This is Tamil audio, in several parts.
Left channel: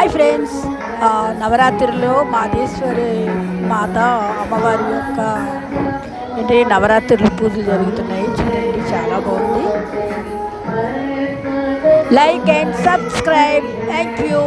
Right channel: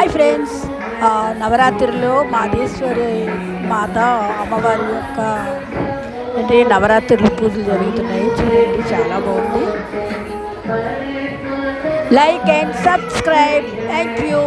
హాయ్ ఫ్రెండ్స్, నవరాత్రిలో మాదేశ్వరి మాత అమ్మవారి యొక్క నవరాత్రులు పూజలు జరుగుతున్నాయి. చూడండి, చాలా బాగుంది. Like and subscribe. Thank you.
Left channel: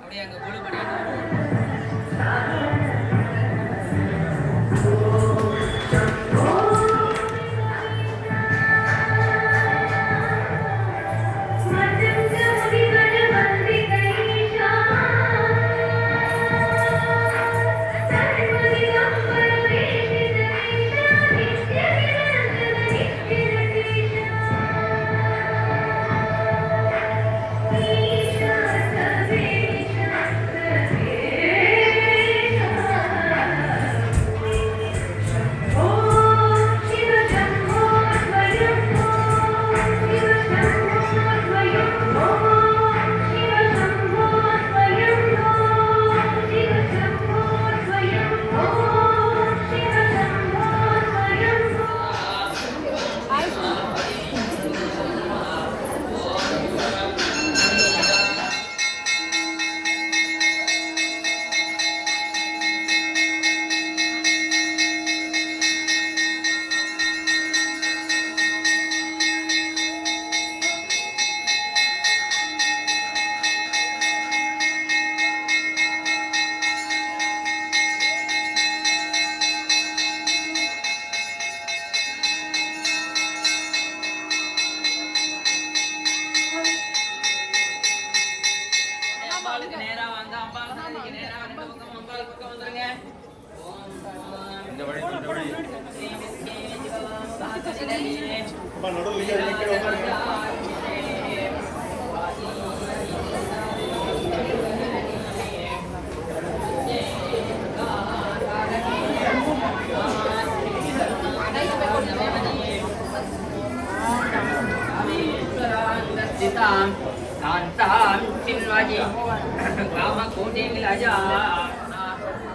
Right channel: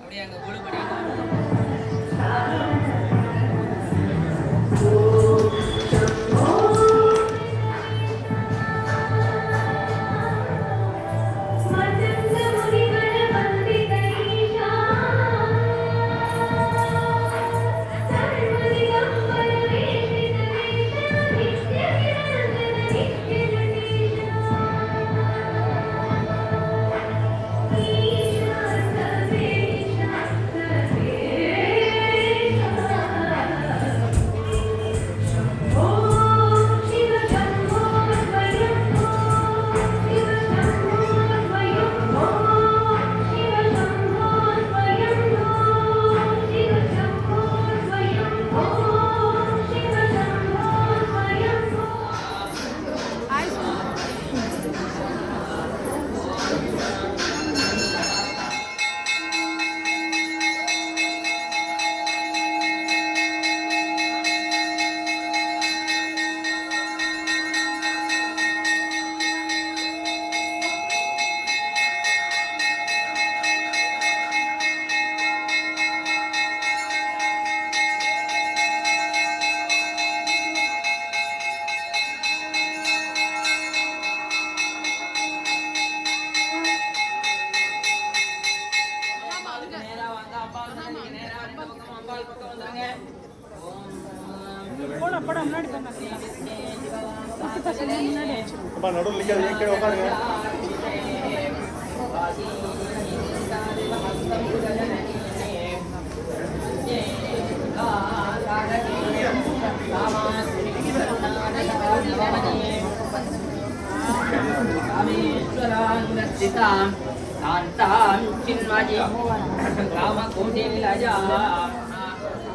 அப்படியே அங்கே குழு பண்ணிட்டு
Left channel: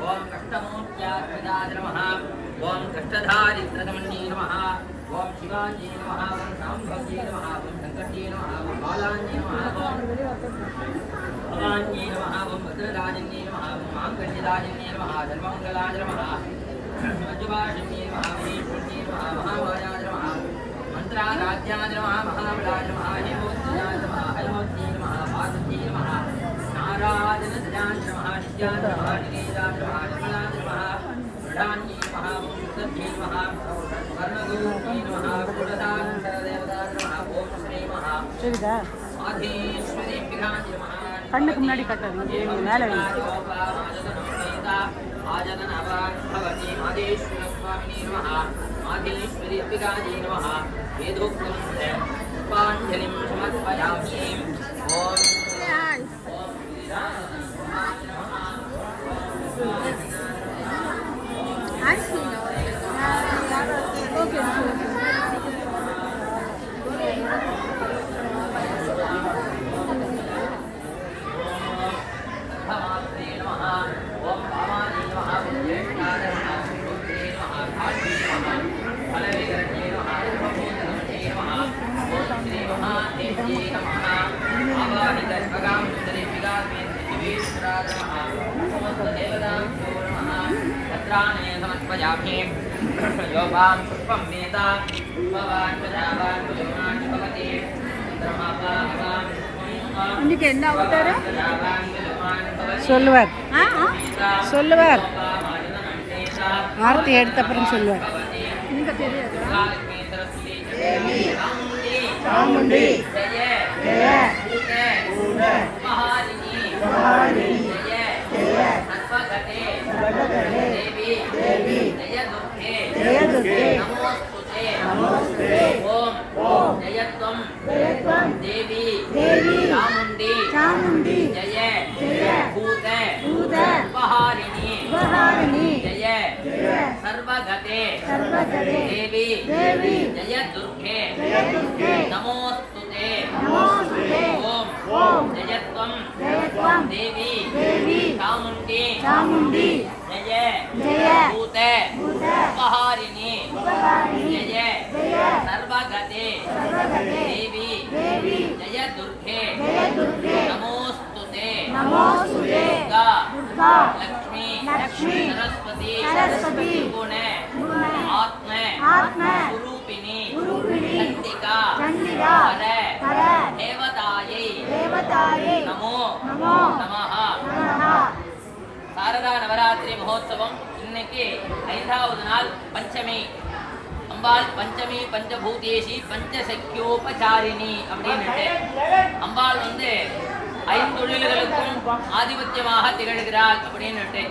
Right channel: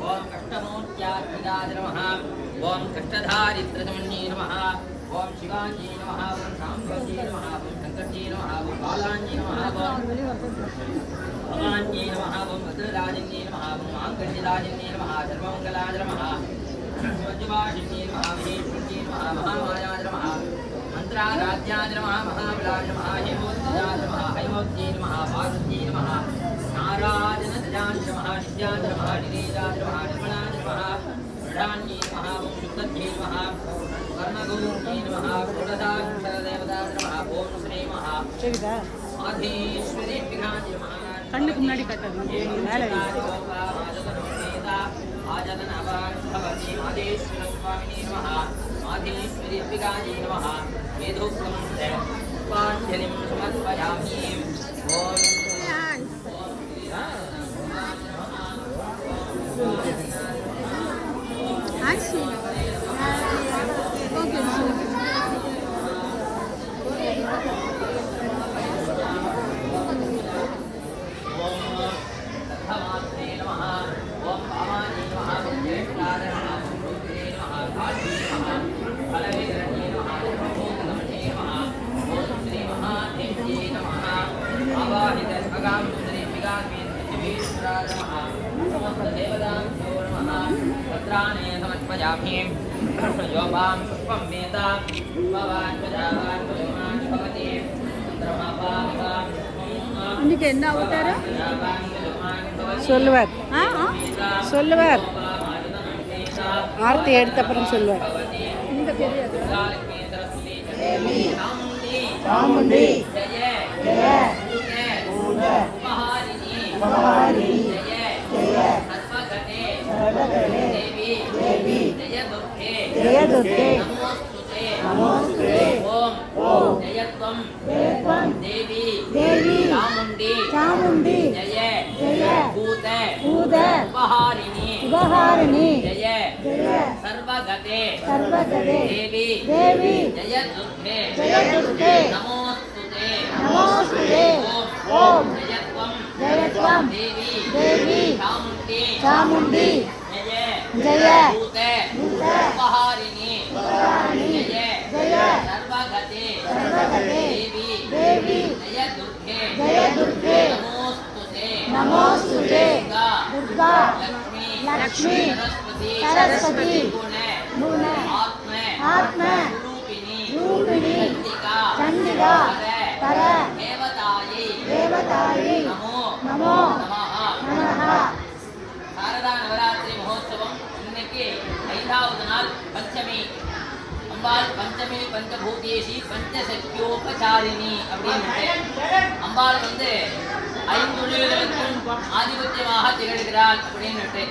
ओम कष्टमोत्यात्मदाय नमः। ओम कष्टधारित्रतमन्ये नमः। ओम शिवाजी नमः। ओम शाम्भवी नमः। ओम शंकरजी नमः। ओम बालाजी नमः। ओम भवान्ये नमः। ओम भद्रराजन्ये नमः। ओम मांगल्यराजन्ये नमः। सर्वमंगलाय नमः। वज्रवासिन्ये नमः। महेश्वर्ये नमः। महामायाय नमः। मंत्राराध्याय नमः। महाबलाय नमः। हेमोत्याय नमः। हैमोत्ये नमः। पार्वत्ये नमः। नारायण ध्यान नमः। नित्याय नमः। निरेजाय नमः। निर्मलाय नमः। प्रधान्ये नमः। ओम शुद्धये नमः। कर्णगोत्ये नमः। कुलदानदेवताय नमः। ओम श्री महा माधेश्वरी विराज नमः। கண்ணுக்கு முன்னாடி கட்டது மேலே ஆஜனனவான் भवति माधेश्वर स्वामिने नमः। माधेश्वरी विराजे नमः। वेदोक्तमन्त्र पुष्पाञ्जलिं समर्पयामि। ओम समर्पयामि। योगां पुष्पं वेदा पुष्पवान् प्रजावान् पुष्पवान् भवति। இன்னைக்கு என்ன அவதாரம் சொல்லுவார். சொல்லுவார். ஆர்த்தி எடுத்த அப்புறம் சொல்லுவார். எனக்கு தெரியாது. சாமுண்டி ஜெய ஜெய மகாரிணி ஜெய ஜெய சர்வகதே देवी देवी जय दुर्गे नमोस्तुते ओम जयत्वं देवी चामुंडी जय भूत ఉపహారిణి జయ సర్వగతే దేవి జయ దుర్గే నమోస్తుతే ఓం జయత్వం దేవి చాముండి జయ భూతే ఉపహారిణి జయ సర్వగతే దేవి జయ దుర్గే నమోస్తుతే దుర్గా లక్ష్మీ సరస్వతి గుణ ఆత్మ స్వరూపిణి చండికా పర దేవతాయై నమో నమః. சாரதா நவராத்திரி மகோத்சவம் இன்னைக்கு 5வது நாள் பஞ்சமி. அம்பாள் பஞ்சமி பஞ்சபூதேசி பஞ்சசக்யோபசாரிணி அப்படின்னுட்டு அம்பாள் வந்து 5 தொழில்களுக்கும் ஆதிபத்தியமாக திகழ்கிறாள் அப்படின்னுட்டு.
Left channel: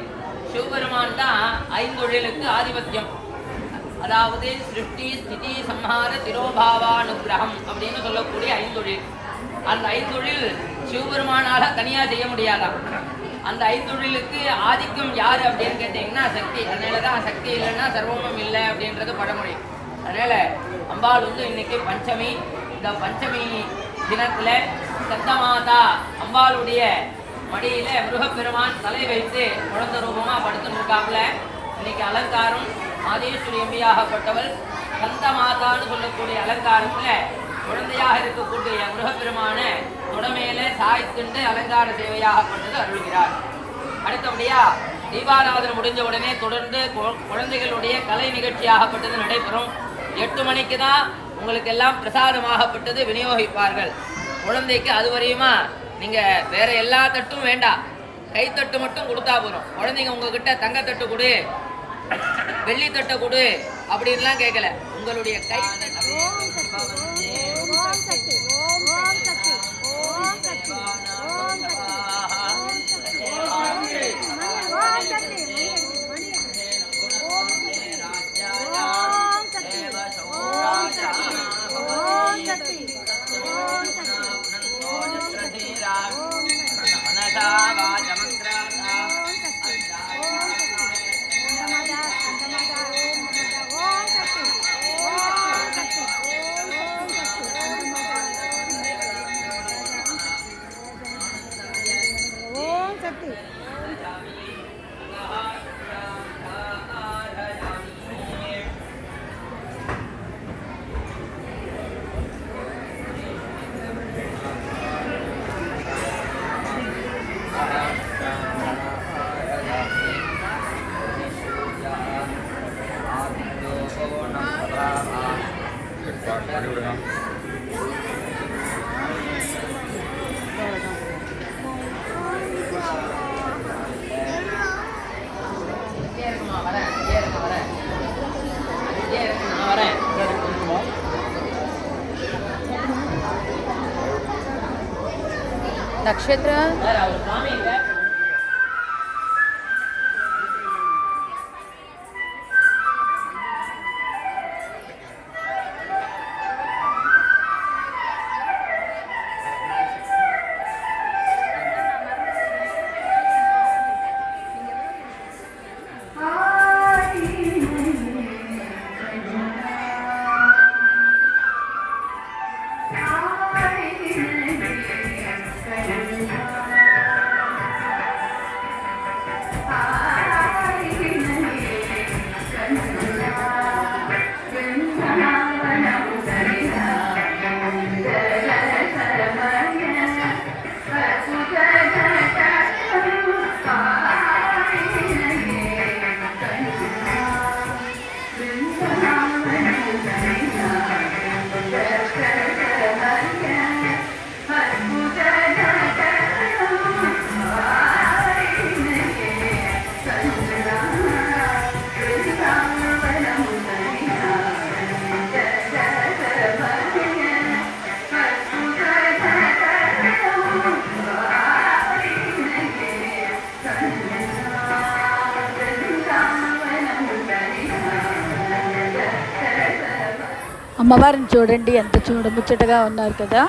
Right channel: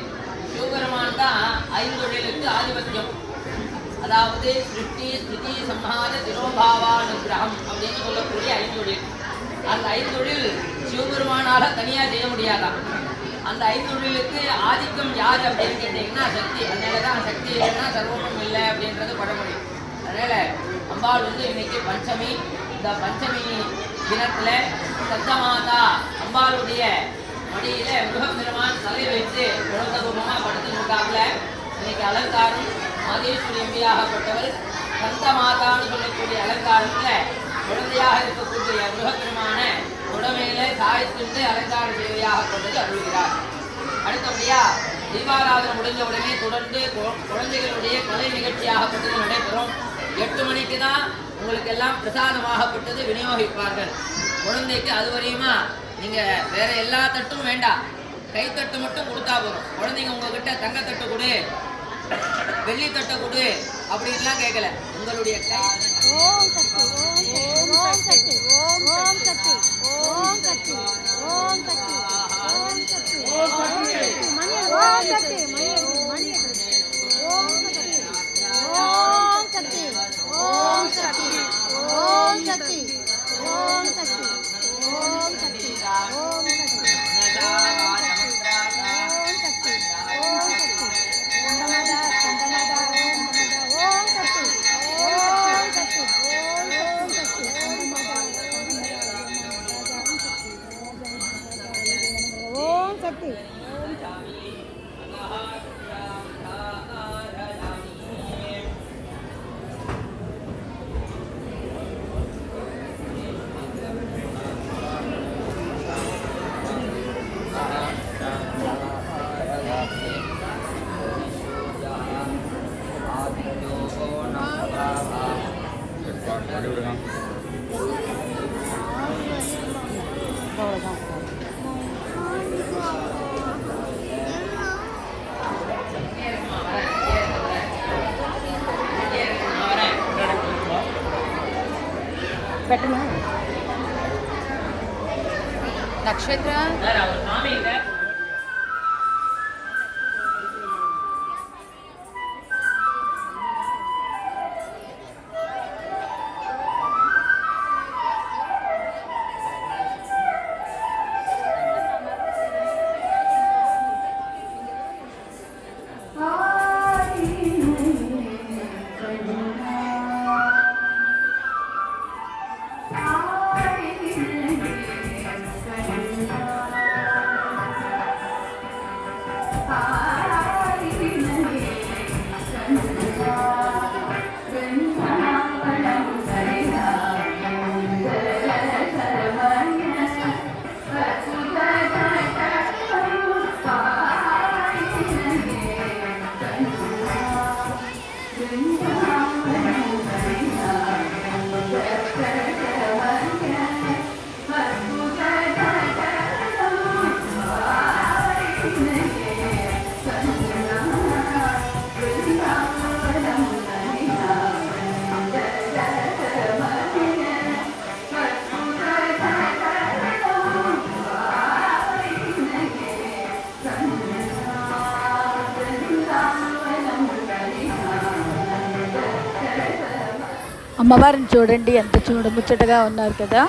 சிவபெருமான் தான் 5 தொழிலுக்கு ஆதிபத்தியம். அதாவது சிருஷ்டி ஸ்திதி சம்ஹார திரோபாவானுகிரகம் அப்படின்னு சொல்லக்கூடிய 5 தொழில். அந்த 5 தொழில் சிவபெருமானால தனியாக செய்ய முடியாதான். அந்த 5 தொழிலுக்கு ஆதிக்கம் யார் அப்படின்னு கேட்டீங்கன்னா சக்தி. அதனால தான் சக்தி இல்லைன்னா சர்வமும் இல்லை அப்படின்றது பழமொழி. அதனால அம்பாள் வந்து இன்னைக்கு பஞ்சமி. இந்த பஞ்சமி தினத்துல சத்தமாதா அம்பாளுடைய மடியில முருகப்பெருமான் தலை வைத்து குழந்தை ரூபமா படுத்துருக்காப்புல. இன்னைக்கு அலங்காரம் மாதேஸ்வரி எம்பியாகப்பட்டவர் சந்த மாதான்னு சொல்லக்கூடிய அலங்காரத்துல குழந்தையாக இருக்கக்கூடிய முருகப்பெருமான உடமையில சாய்த்துண்டு அலங்கார சேவையாக கொண்டது அருள்கிறார். அடுத்தபடியா தீபாராதனை முடிஞ்ச உடனே தொடர்ந்து குழந்தைகளுடைய கலை நிகழ்ச்சியாகப்பட்டது நடைபெறும். 8 மணிக்கு தான் உங்களுக்கு எல்லாம் பிரசாதமாகப்பட்டது விநியோகிப்பார்கள். குழந்தைக்கு அது வரையுமா நீங்க வேற எல்லா தட்டும் வேண்டாம், கைத்தட்டு மட்டும் கொடுத்தா போதும். குழந்தைங்க உங்ககிட்ட தங்கத்தட்டு கொடு, வெள்ளித்தட்டை கொடு அப்படின்லாம் கேட்கல. உங்களுடைய கை నక్షత్ర అమ్మవారిని చూడండి, ఎంత చూడముచ్చటగా ఉన్నారు కదా.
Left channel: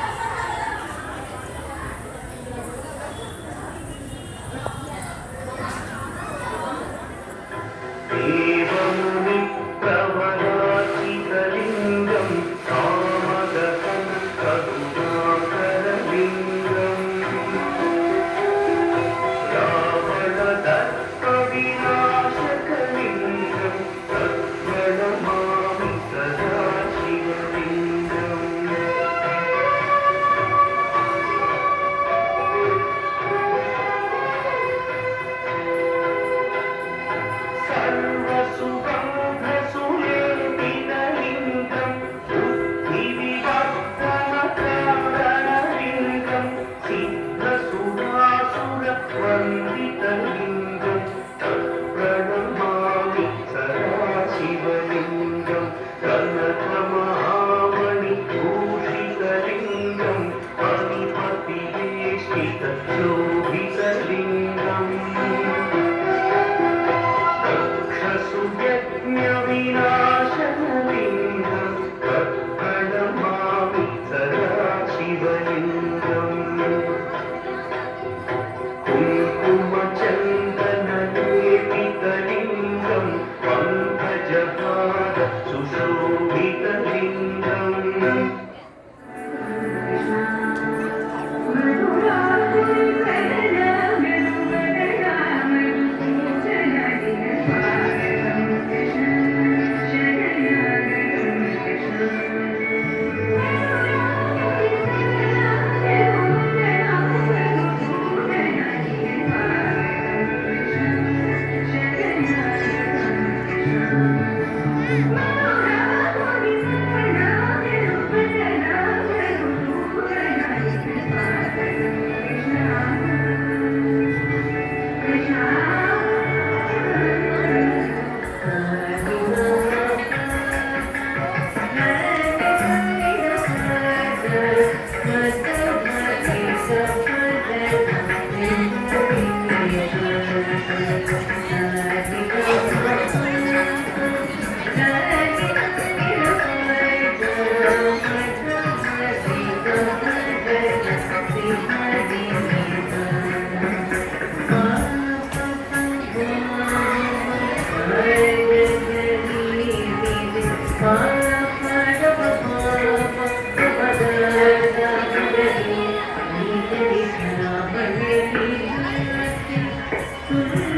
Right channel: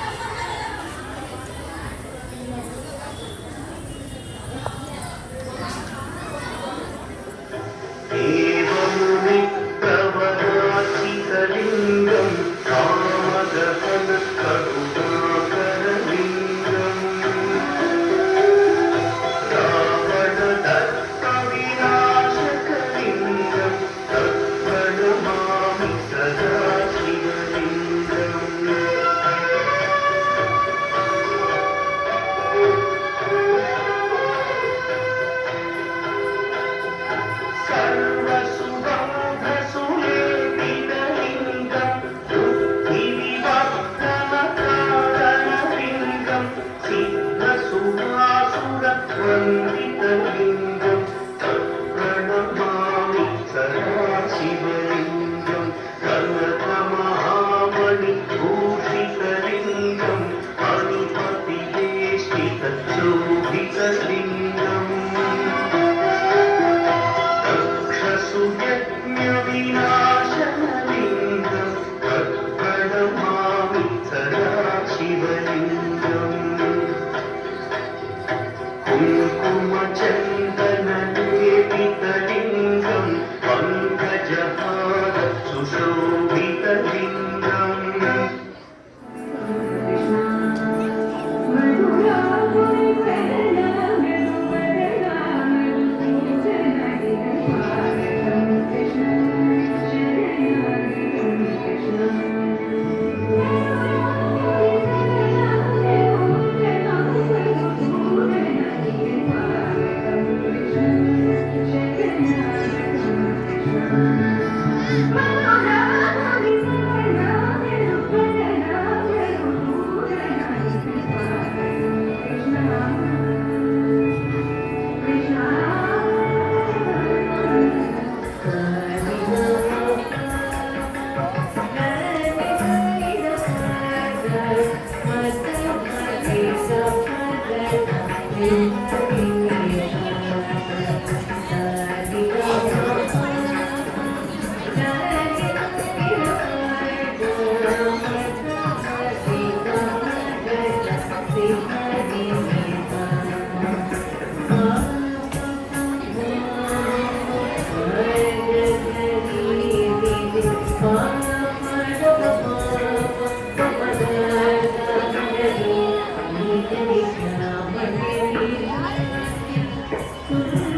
Thank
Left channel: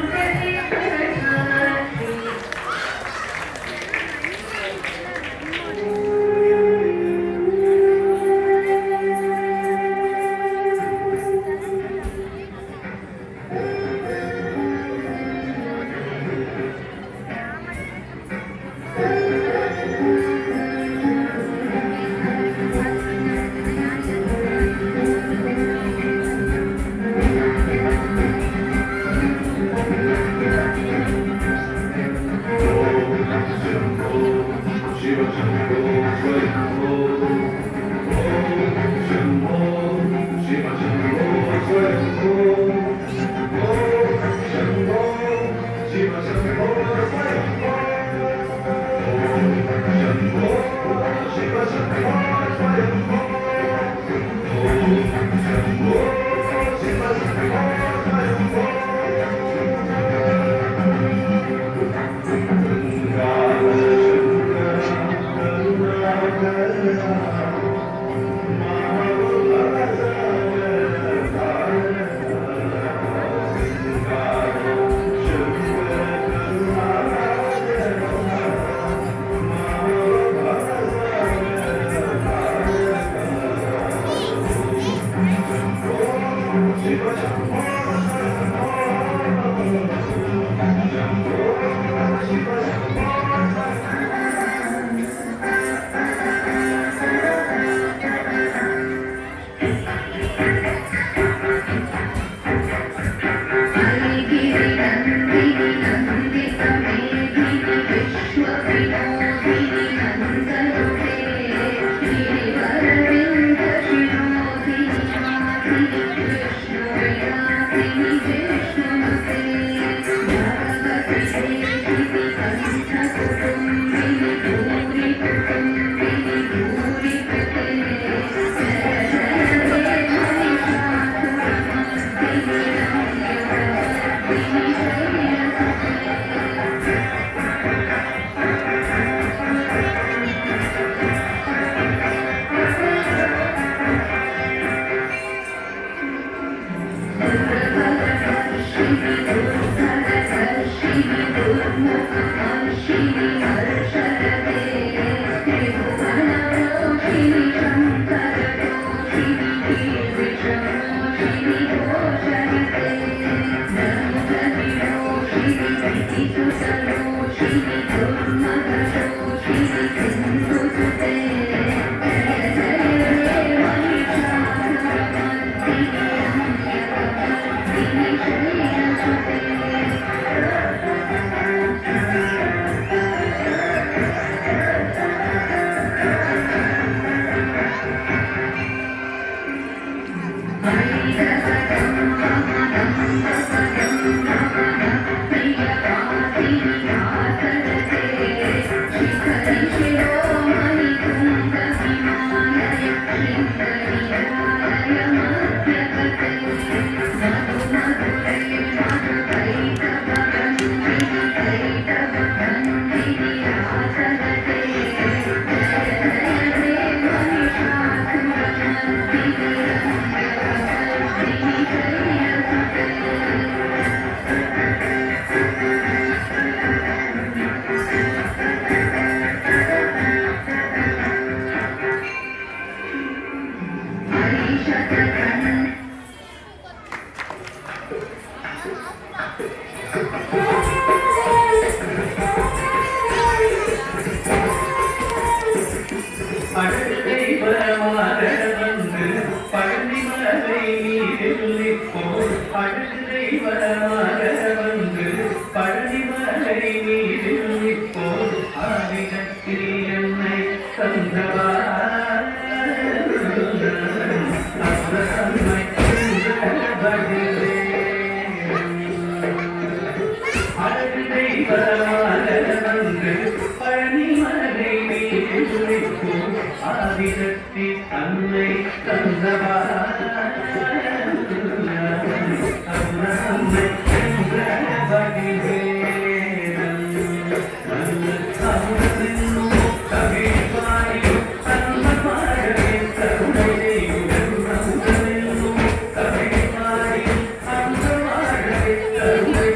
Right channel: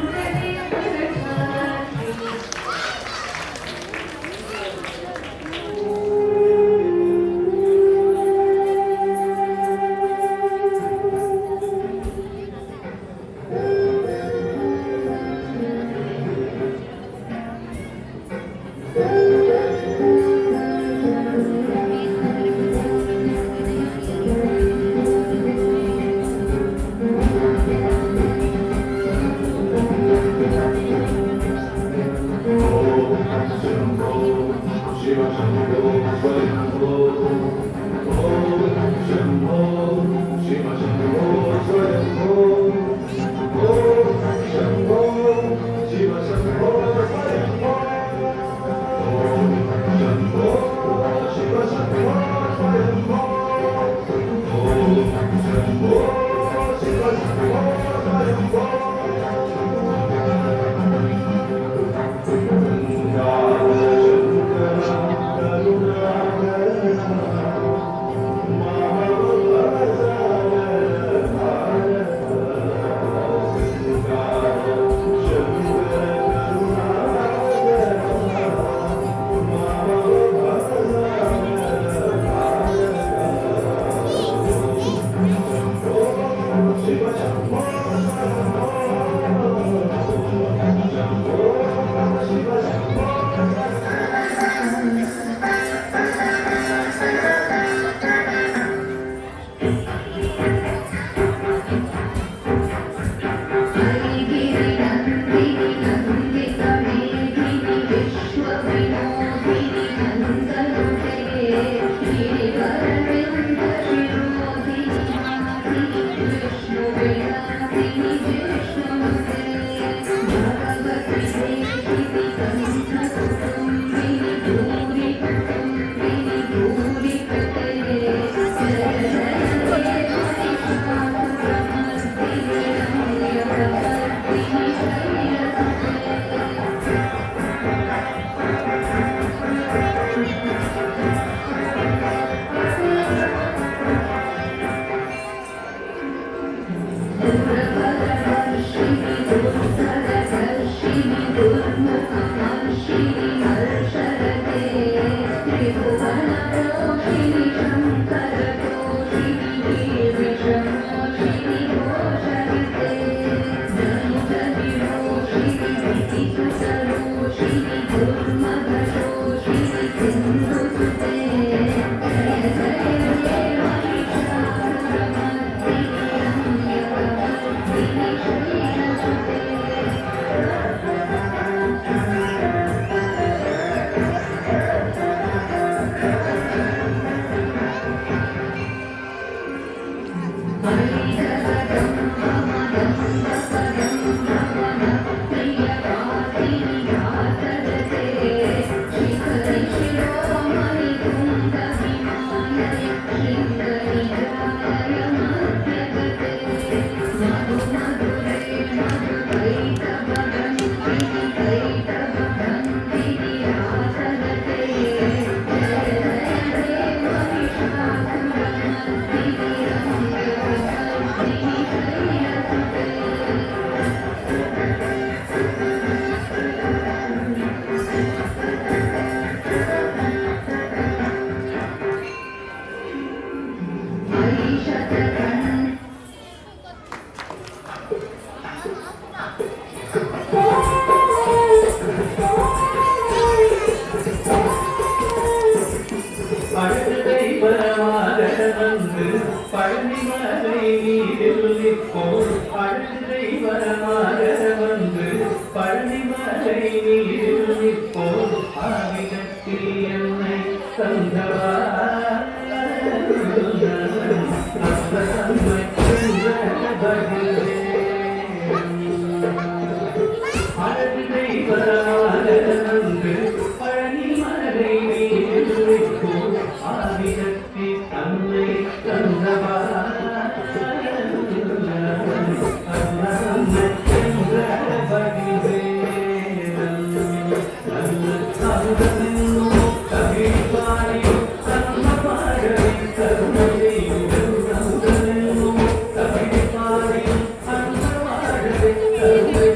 you.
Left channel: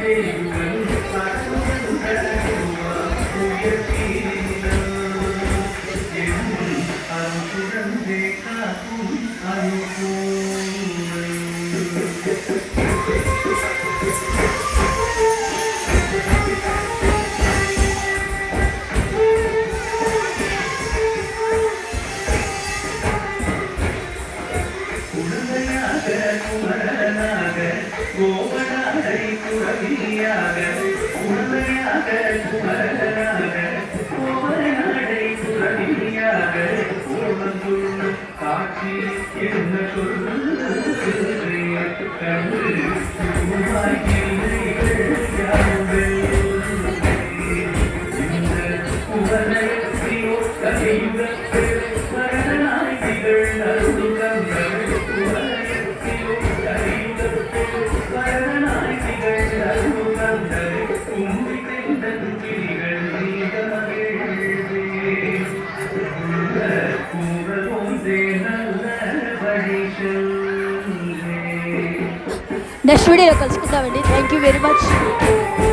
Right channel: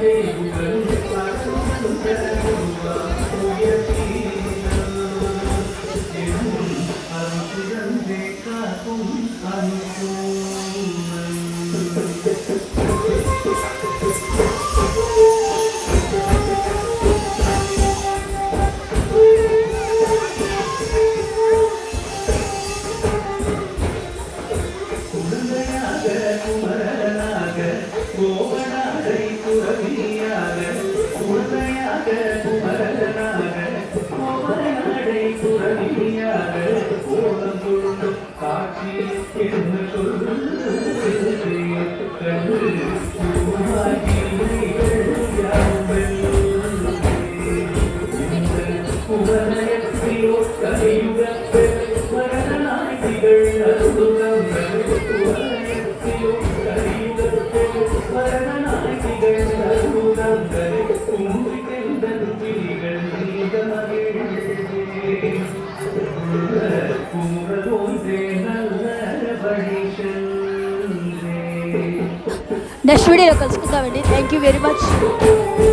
నెక్స్ట్ వీడియోలో కలుసుకుందామండి. Thank you very much.